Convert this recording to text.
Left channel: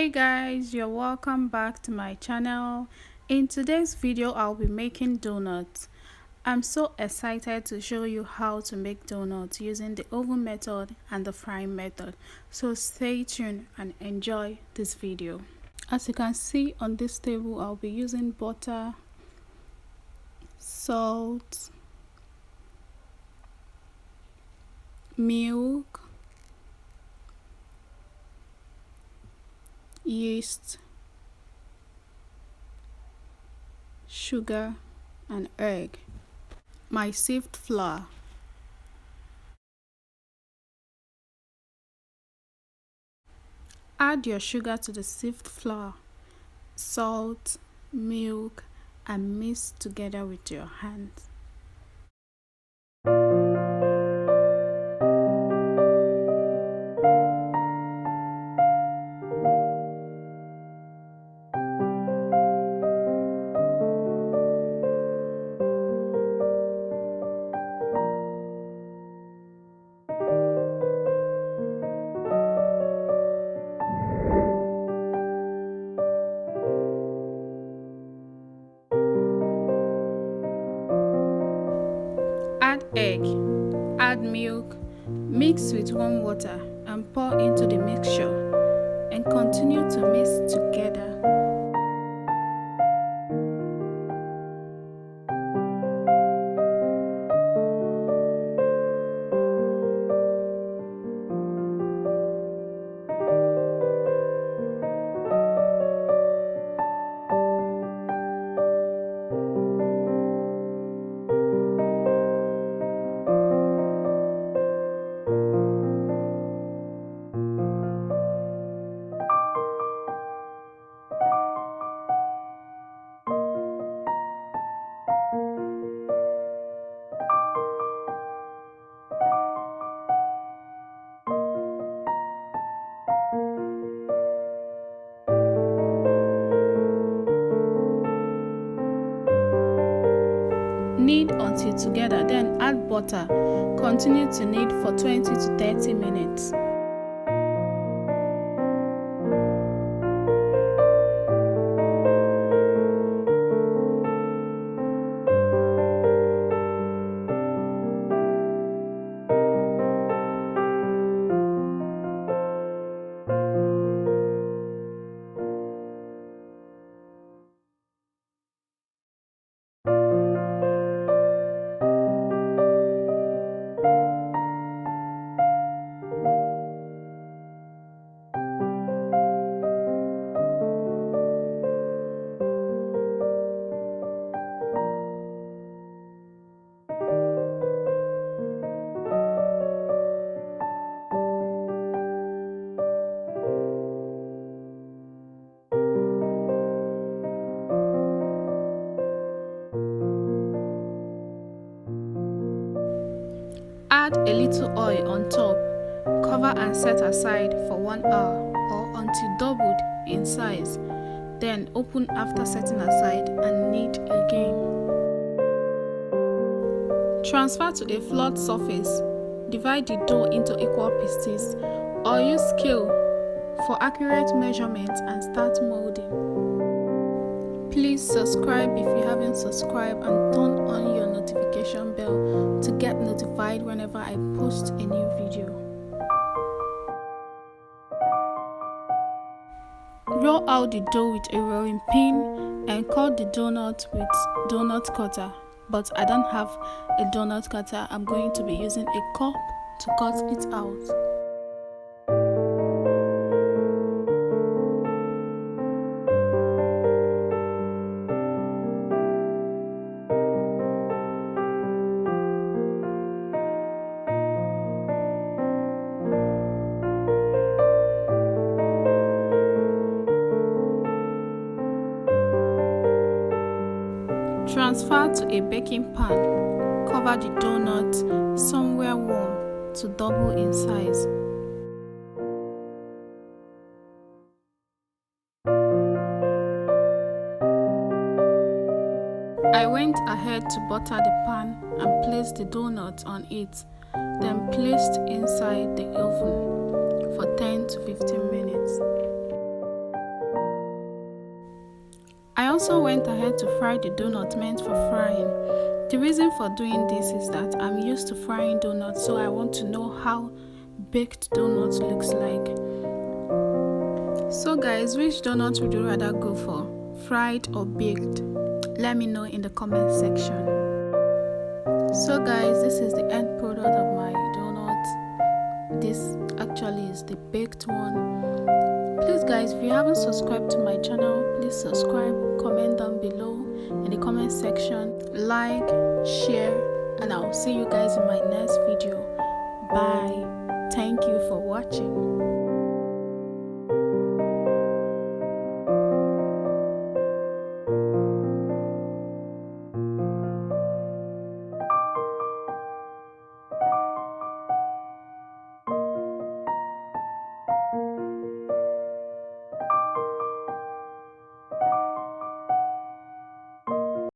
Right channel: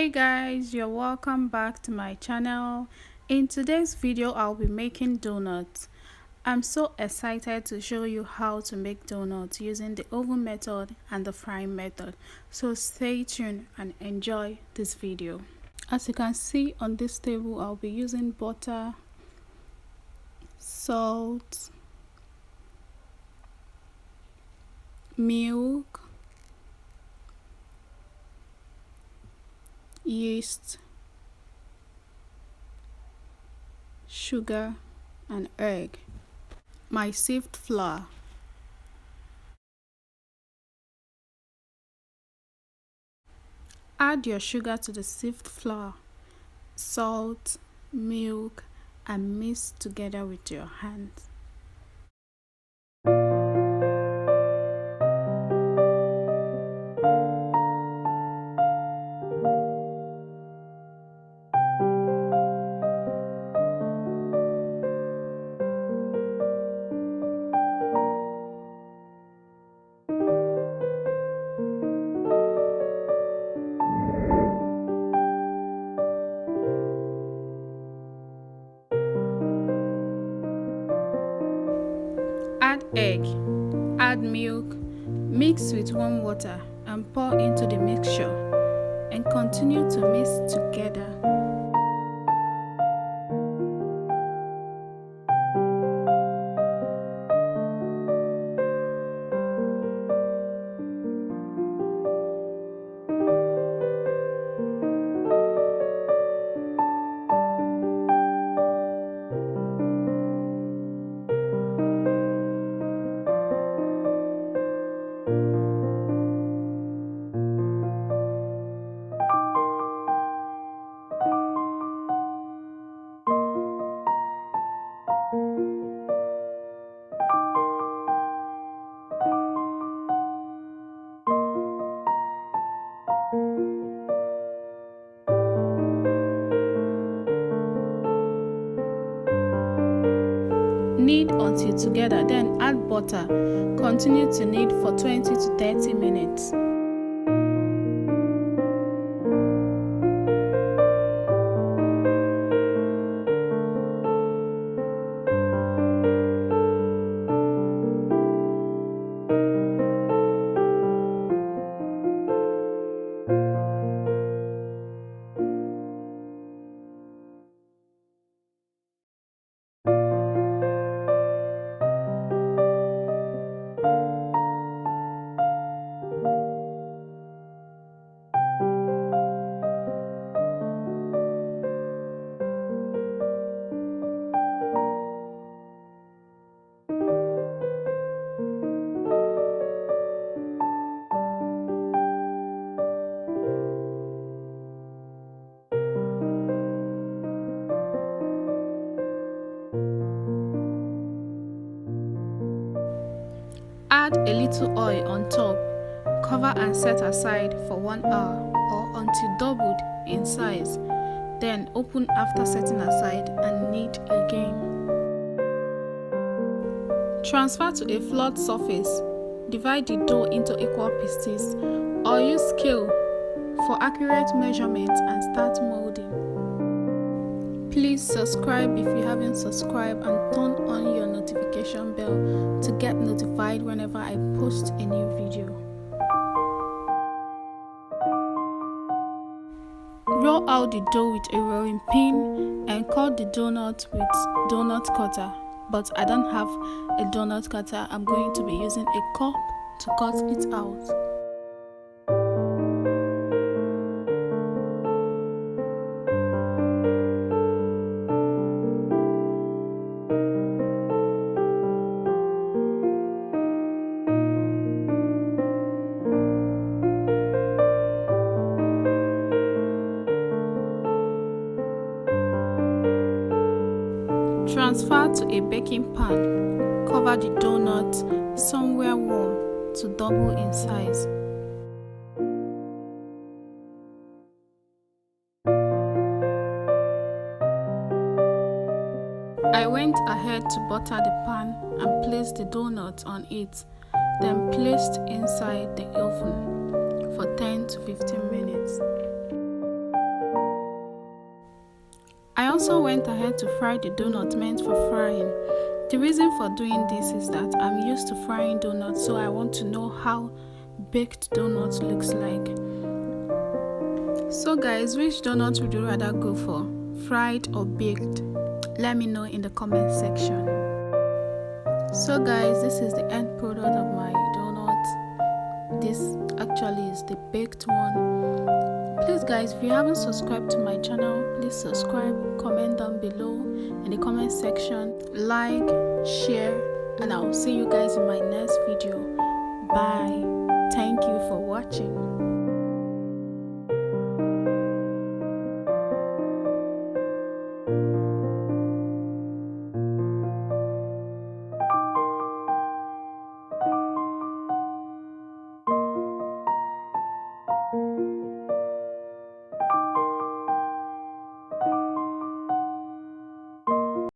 Hey guys, you're welcome back to my channel. In today's video I'll be making donuts. I'm so excited to show you how to make donuts using the oven method and the frying method, so stay tuned and enjoy this video. As you can see on this table, I'll be using butter, salt, milk, yeast, sugar and egg, my sieved flour. Add your sugar to the sieved flour, salt, milk and mix together with your hands. Add egg, add milk, mix with warm water and pour into the mixture and continue to mix together. Knead until together, then add butter. Continue to knead for 20 to 30 minutes. Add a little oil on top, cover and set aside for 1 hour or until doubled in size. Then open after setting aside and knead again. Transfer to a flat surface. Divide the dough into equal pieces or use scale for accurate measurements and start molding. Please subscribe if you haven't subscribed and turn on your notification bell to get notified whenever I post a new video. Roll out the dough with a rolling pin and cut the donut with donut cutter, but I don't have a donut cutter. I'm going to be using a cup to cut it out. Transfer to a baking pan. Cover the donut somewhere warm to double in size. I went ahead to butter the pan and placed the donut on it, then placed inside the oven for 10 to 15 minutes. I also went ahead to fry the donut meant for frying. The reason for doing this is that I'm used to frying donuts, so I want to know how baked donuts looks like. So guys, which donut would you rather go for, fried or baked? Let me know in the comment section. So guys, this is the end product of my donut. This actually is the baked one. Please guys, if you haven't subscribed to my channel, please subscribe, comment down below in the comment section, like, share, and I'll see you guys in my next video. Bye. Thank you for watching.